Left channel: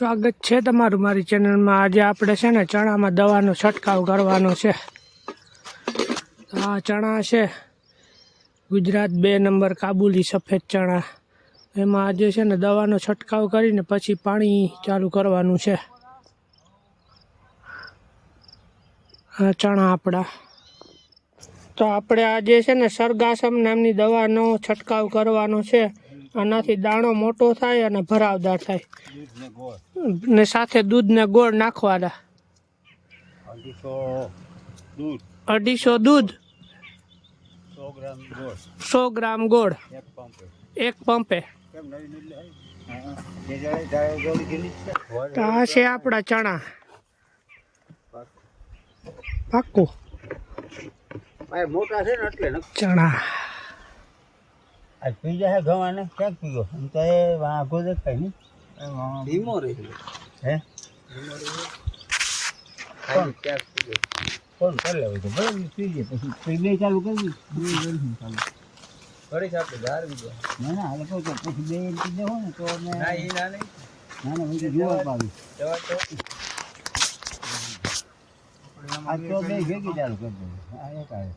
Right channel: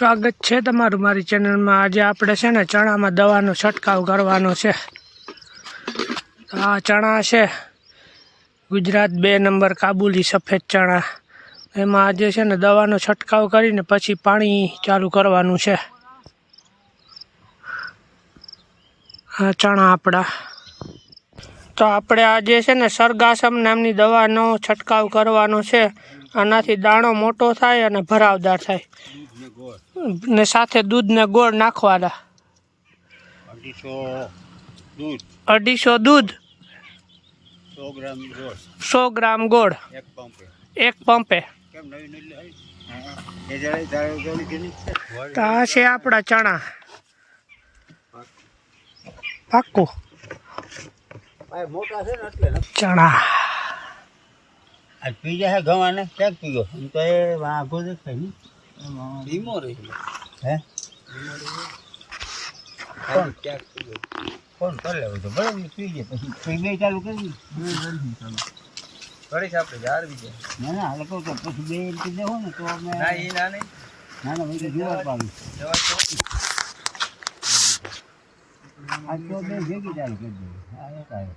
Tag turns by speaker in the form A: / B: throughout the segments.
A: સ્વાગત છે તમારું મારી ચેનલમાં. આજે આપણે છે ને ચણામાં દવાનો છંટકાવ કરવાનો છે. આ ચણા છે ગુજરાત બે નંબર કાબુલી સફેદ ચણા. એમાં આજે છે ને દવાનો છંટકાવ કરીને પછી પાણી ચાલુ કરવાનું છે. આ ચણા આપણા. તો આપણે આજે છે ને સરગાસમ નામની દવાનો છંટકાવ કરવાનો છે. આનાથી દાણો મોટો થાય અને ભરાવદાર થાય. ને સાથે દૂધ ને ગોળ નાખવાના.
B: અઢીસો દૂધ. સો ગ્રામ ગોળ. એક પંપે.
A: તો આ છે આપણા ચણા. પાક્કું
B: ને
A: ચણા.
B: આજ પી જાય ગવાને ક્યાંક પીયો એમ તો એ વાઘો દેખાય ને ધીમો રહે હે ક્યાંક પીયો કોણ કરે હવે તો બરાબર પી જાય પછી પી બે ચાલુ કરી ચાલુ કરીશ આપણે જાળવી દે ના ના હાલ કહું તો પછી બે પી દેવો ને તો અમે ના એ ના નહીં ના ના ભાઈ તો જોવા પાવી દવા તો આ તો બે ભેગી ચાલુ કરી દે આ એક આવે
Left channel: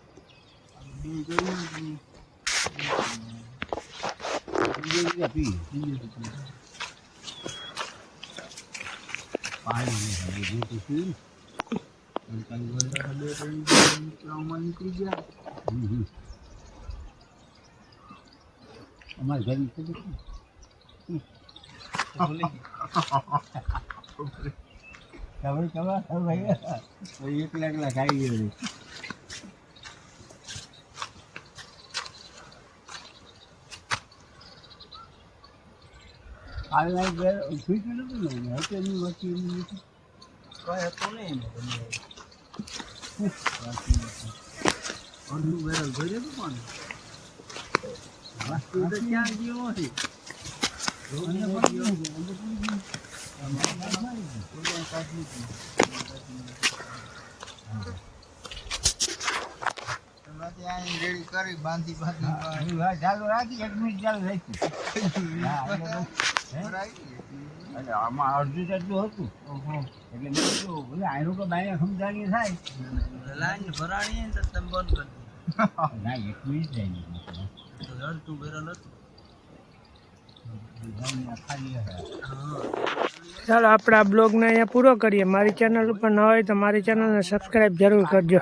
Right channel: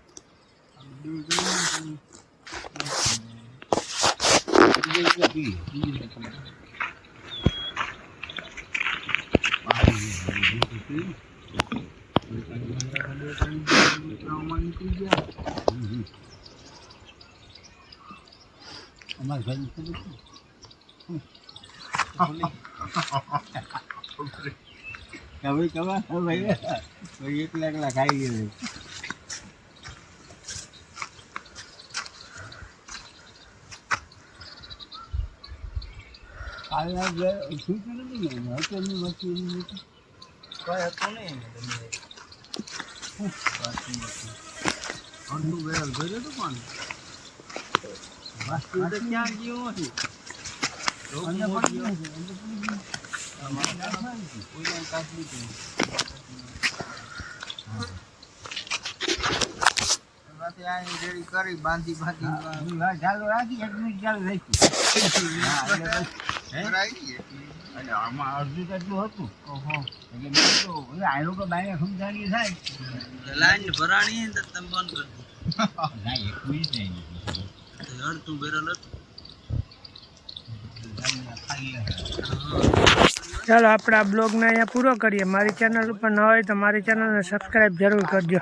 B: બે કરી અમારે ઘરની ખબર છે હવે કવા હવે એકલા એકલા ખાઈ લે કાલના જે ફીટ નથી ને હતો એની વસ્તુ વસ્તુ કાંઈ હતું નહીં અડધું બેરલ ભર્યો હતું પણ. વાસ્તુ તો ક્યાં ગયો છે, કાઢી લીધું. એની વાત ચાલુ રાખી, એક મિનિટ ચાલુ રાખી. અને આમાં અડધું તો હતું. એટલે મેં કીધું, ઓલા આયરો કે બાયને સમજાવીએ થાય. ના એક મિનિટ રહી નથી
A: ચાલો આપણે આ બ્લોગને અહીંયા પૂરો કરીએ. મારી ચેનલ ઉપર ન હોય તો મારી ચેનલને સબસ્ક્રાઈબ જરૂર કરજો.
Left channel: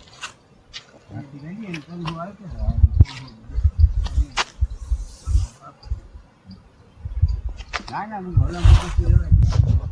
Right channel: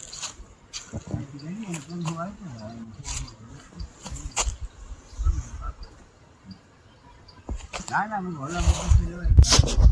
B: ના હું ભલા